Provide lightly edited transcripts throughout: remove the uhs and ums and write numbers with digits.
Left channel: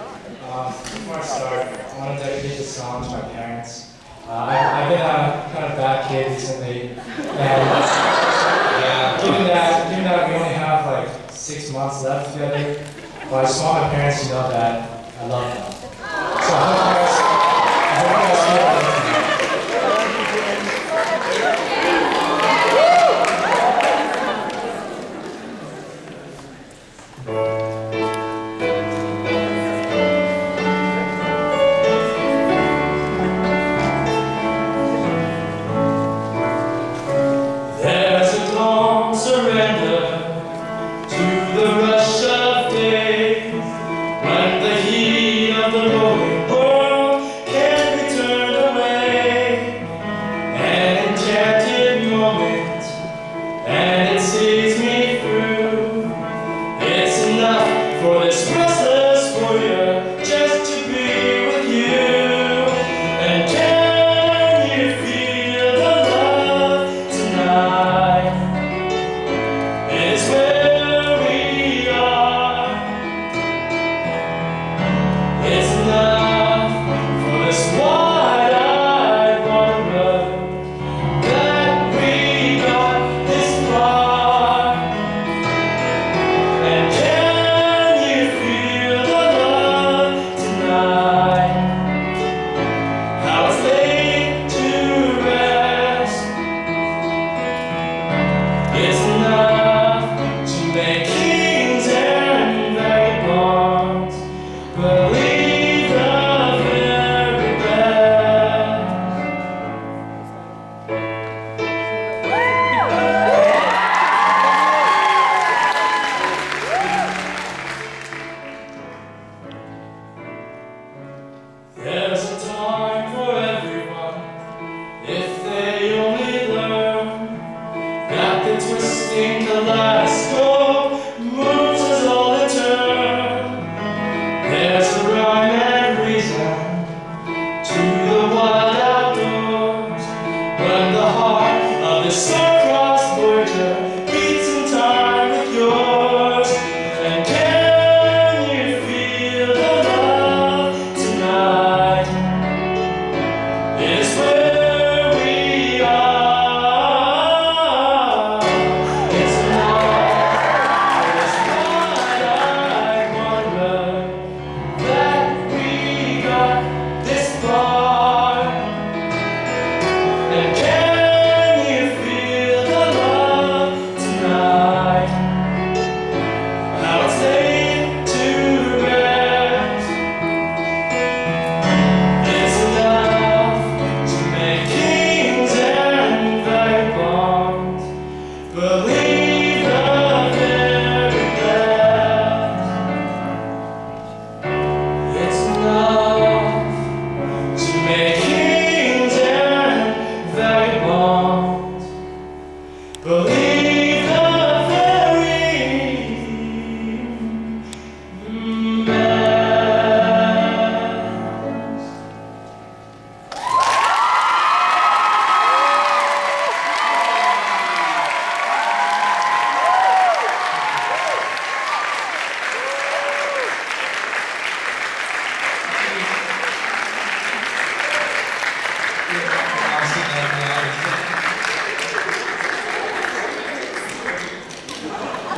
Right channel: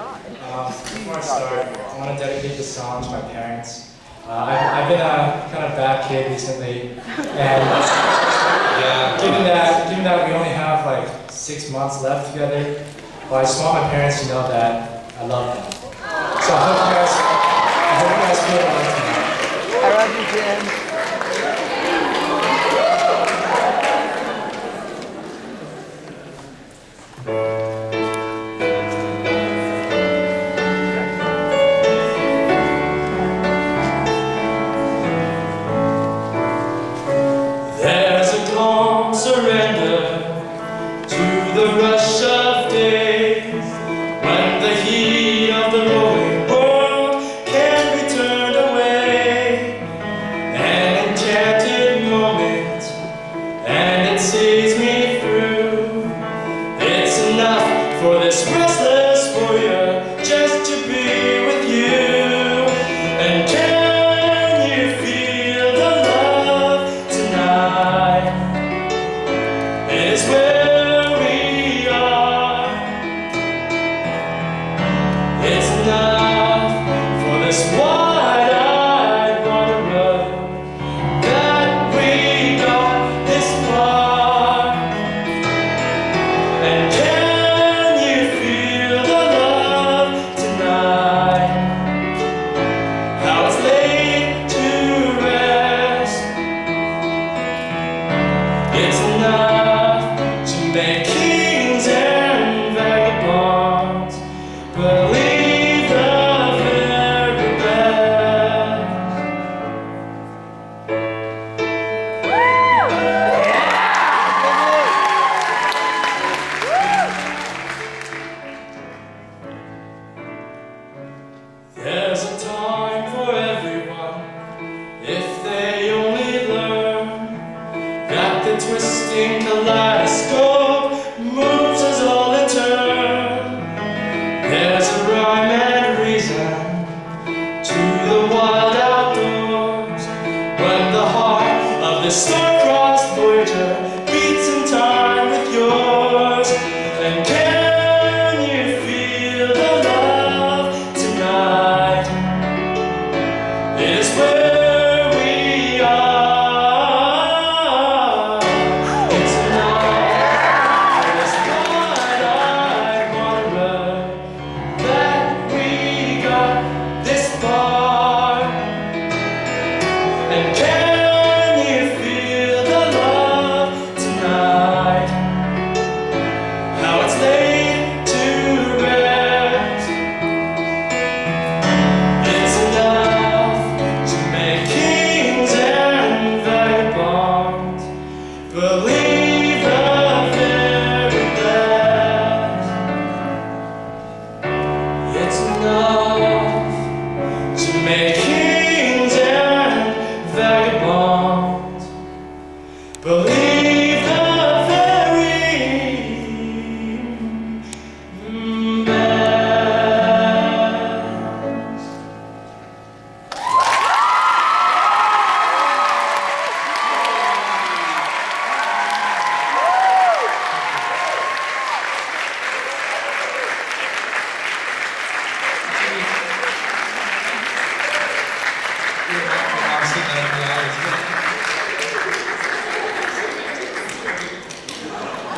Before I start, I want to dedicate this song to my parents. I've been a kind of bad kid recently, and yeah, given that we only have like 6 months left together, well, I just want my parents to know that I love them. So I hope you guys feel that. I love you, Jim.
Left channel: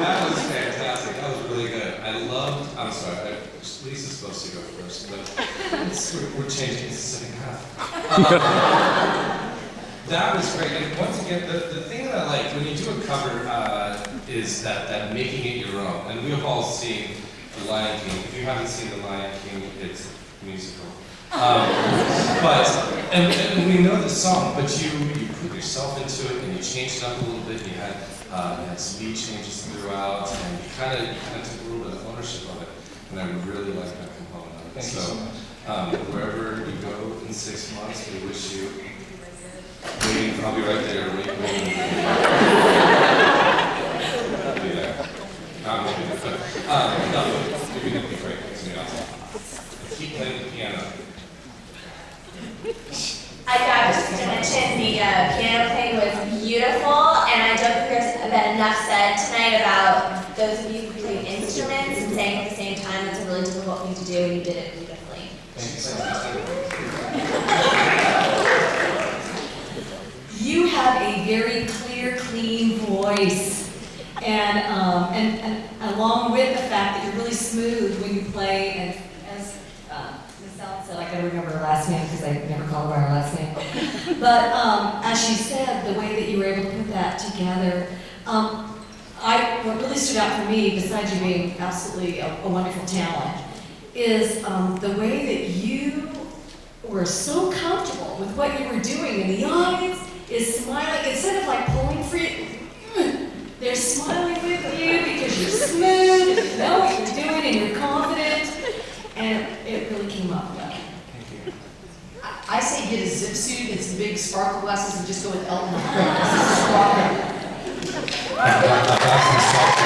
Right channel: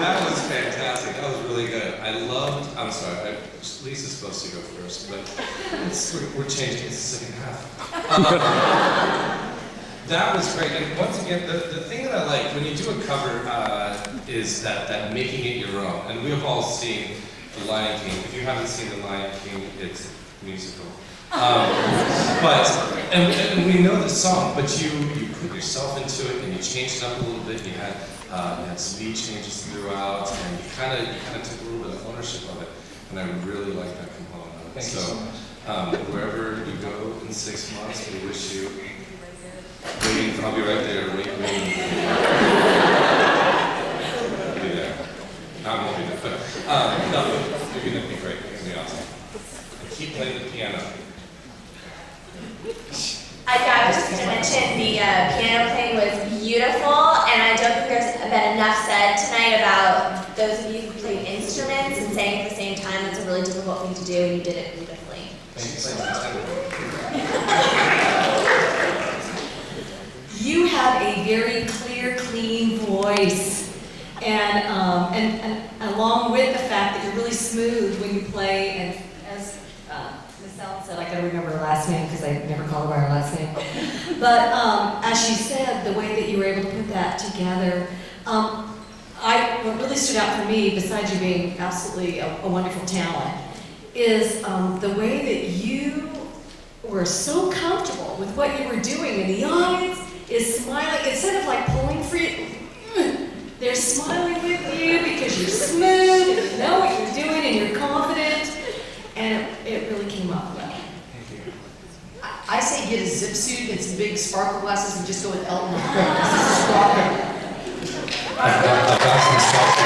That was fantastic. That was really good. I'm sorry, Lisa's supposed to go first, but we're changing the second half. That was great. And once again, the thing that I like when you do a cover is that making it your own. And we've all seen The Lion King. If you haven't seen The Lion King, it's musical. And we know the song, but you put yourself into it and you changed it up a little bit. You had speed changes throughout, and you kind of took a little bit of ownership of it. And I really like that component of it. Thank you so much. Wherever you go in 6 months, we wish you waiting. I'll be right there. Waiting. I'll be there. Not maybe there, but no, you're gonna be great. It's gonna be awesome. Keep playing the piano. I got just to mention the piano playing was beautiful, and I don't think there's been enough said tonight about those of you who play instruments and sang at the same time. understand that's a really difficult thing to do, and you did it beautifully. Thank you so much. You have a very clear, clean voice, and along with the fact that you're really smooth when you play, and as Ms. Allen said, I gotta remember her last name because I never call her by her last name. But as she said, the way that you were able to put that together, what really stood out for me, besides you being absolutely a wonderful talent, is the way that you were so comfortable with what you were doing, and the audience is smiling, instead of like pulling for you, they're smiling with you because you're smooth, and you know what you're doing, and you're confident, and it really came up well. Thank you. I say get a zip suit and some big sparkle glasses and just go with Elton. Squawking. I've got some stuff.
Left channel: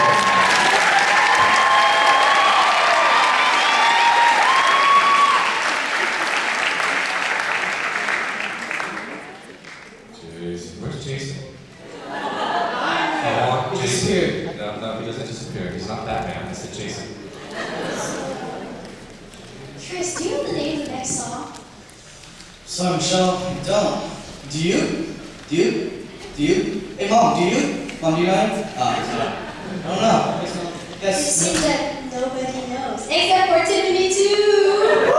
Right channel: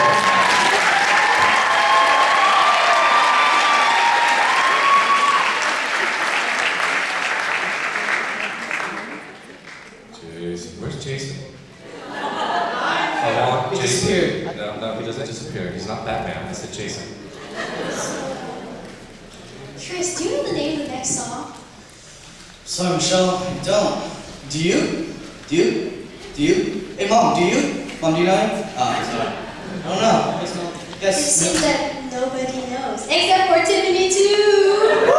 Jason, where's Jason? Oh, He Jason. disappeared. No, he doesn't disappear. He's not Batman. I said Jason. Chris, do you know the name of the next song? Sorry, Michelle, I don't. Do you? Do you? Do you? Hey, Mom, do you? Mom, do you know him? Sorry. I don't know. It Yes. seems that nobody knows, except for Tiffany too.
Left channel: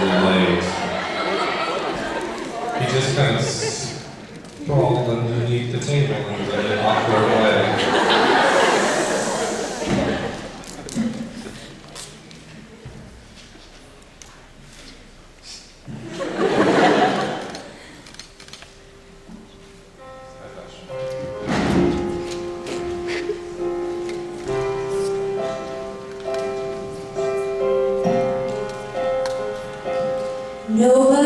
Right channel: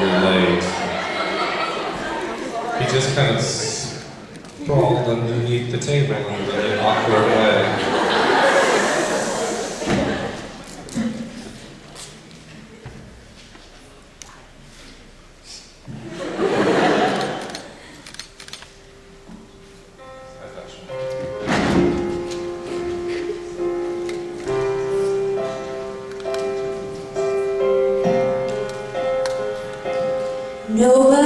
You're late. He just kind of sprawled underneath the table in a really awkward way. Nobody